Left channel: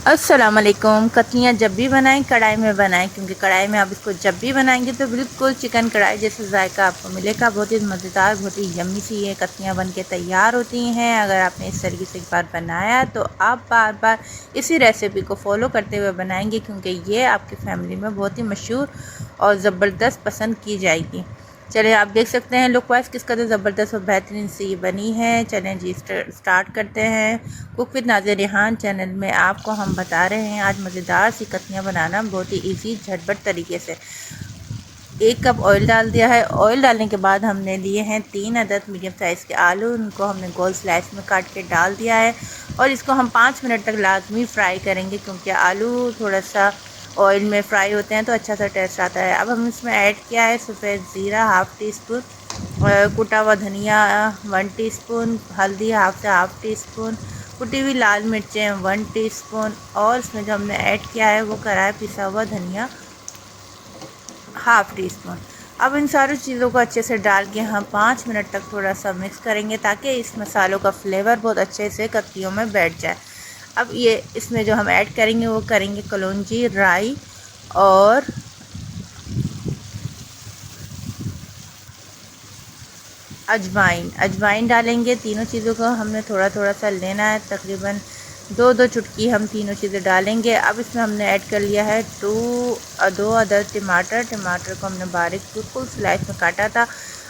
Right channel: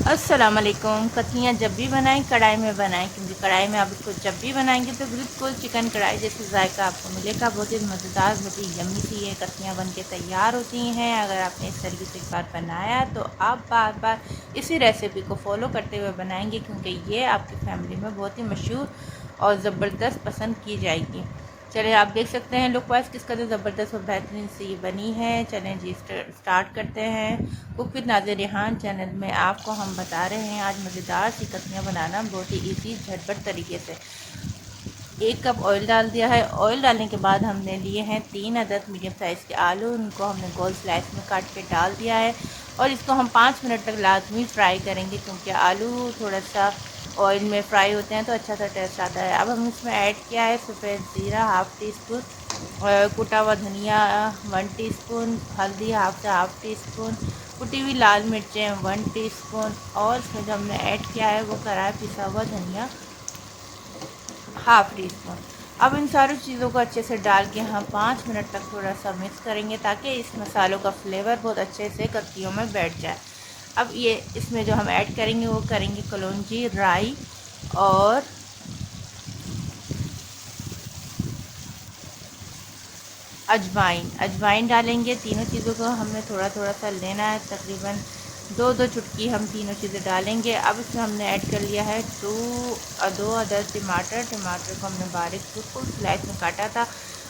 अस्सलाम वालेकुम। कतलियाँ जब भी बनाएं कढ़ाई में बनाएं, क्योंकि कढ़ाई में आप इसको जब भी बनाएंगे तो बिल्कुल चिकन कढ़ाई जैसे जायका आपको मिलेगा। बहुत ही मज़ेदार, बहुत ही यम्मी सी ये कतलियाँ बन के तैयार होती हैं। अगर आपने इस तरीके से एक बार बनाया तो आप बार बार इसी रेसिपी को फॉलो करते हुए बनाएंगे, क्योंकि ये आपकी फैमिली में बहुत ही मशहूर और ज़बरदस्त पसंद की जाएगी। चलिए, आप देख सकते हैं लुक वाइज किस कदर ज़बरदस्त और बेहतरीन सी ये बनी है। चलें जी, स्टार्ट करते हैं। Cook with Nazir Rihan channel में आपको हम बता रहे हैं आज मज़ेदार सी कतलियाँ बनाना बहुत ही इजी झटपट तरीके से। 1 कप ऑयल डाल दिया है। ऑयल डालने के बाद हमने लिए हैं 3 अदद मीडियम साइज़ के आलू। उनको हमने गोल स्लाइस में काट के डाल दिया है और इसको हम 5 मिनट तक लाजमी फ्राई करेंगे, क्योंकि आलू थोड़ा सा ऑयल में फ्राई होते हैं तो अच्छा सा टेस्ट आता है। अब हम इसमें ऐड किया है सफ़ेद ज़ीरा हाफ़ टी स्पून, कुटा हुआ धनिया 1 टीस्पून, हल्दी हाफ़ टी स्पून, कुटी हुई लाल मिर्चें 1 टीस्पून, और इसमें जो हमने ऐड किया है वो करा है पिसा हुआ धनिया हाफ़ टी स्पून। अब इन सारी चीज़ों को अच्छे से डाल के हम 5 मिनट तक थोड़ा सा मिक्स करेंगे, ताकि इस मसालों का फ्लेवर बहुत अच्छे से कतलियों में बैठ जाए। अब ये इसमें जो हम ऐड करेंगे वो करेंगे कलौंजी, राई और अजवाइन डालेंगे। तीनों चीज़ों को हमने थोड़ा थोड़ा सा लेना है, तकरीबन 2-2 चुटकी हम तीनों चीज़ें डालेंगे। अब इसमें हमने ऐड कर लिया है 2 अदर टमाटर को हमने बारीक बिल्कुल स्लाइस में काटा था।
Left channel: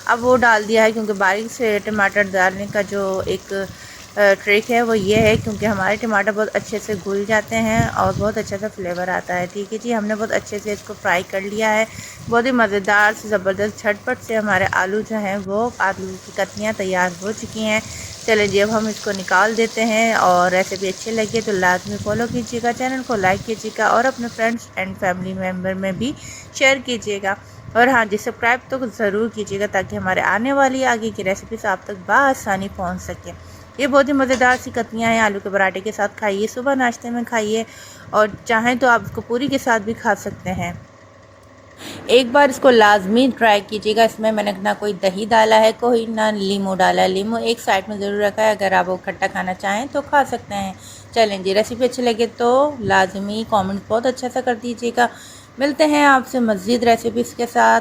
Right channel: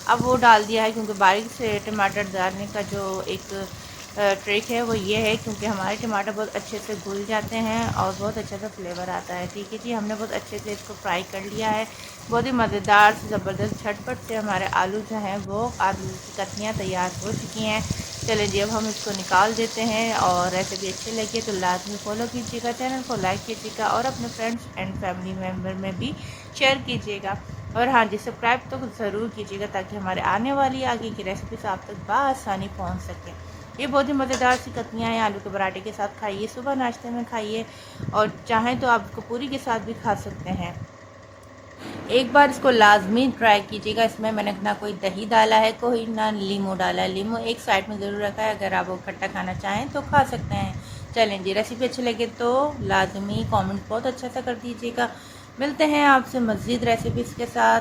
अब वो डाल दिया है, क्योंकि बारीक से टमाटर डालने का जो एक ट्रिक है वो ये है, क्योंकि हमारे टमाटर बहुत अच्छे से घुल जाते हैं और बहुत अच्छा सा फ्लेवर आता है। ठीक है जी, हमने बहुत अच्छे से इसको फ्राई कर लिया है। बहुत ही मज़ेदार से ज़बरदस्त झटपट से हमारे आलू जो हैं वो आलू की कतलियाँ तैयार हो चुकी हैं। चलिए जी, अब हम इसको निकाल देते हैं। और रेसिपी अच्छी लगी तो लाजमी फॉलो कीजिएगा, चैनल को लाइक कीजिएगा और अपने फ्रेंड्स एंड फैमिली मेम्बर में भी शेयर कीजिएगा। और हाँ जी, सब्सक्राइब तो ज़रूर कीजिएगा, ताकि हमारे आने वाली आगे की रेसिपीज़ आप तक बआसानी पहुँच सकें। ये बहुत ही मज़ेदार सी कतलियाँ हैं। आलू के पराठे के साथ खाइए, सुबह नाश्ते में खाइए, और चाहें तो आप इसको पूरी के साथ भी खा सकते हैं। एक बार इसको लाजमी ट्राई कीजिएगा। इसमें मैंने ना कोई दही डाला है, कोई ना लीमू डाला है। लीमू एक साइड में ज़रूर रखा है, अगर आप वो खट्टा खाना चाहें तो खा सकते हैं। चलें जी, रेसिपी अच्छी लगे तो लाजमी कमेंट बहुत अच्छा सा कर दीजिएगा। मिलते हैं आपसे मज़ीद रेसिपीज़ के साथ,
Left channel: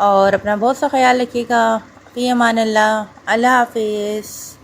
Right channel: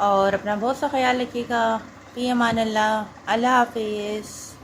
और अपना बहुत सा ख्याल रखिएगा। फ़ी अमान अल्लाह। अल्लाह हाफिज़।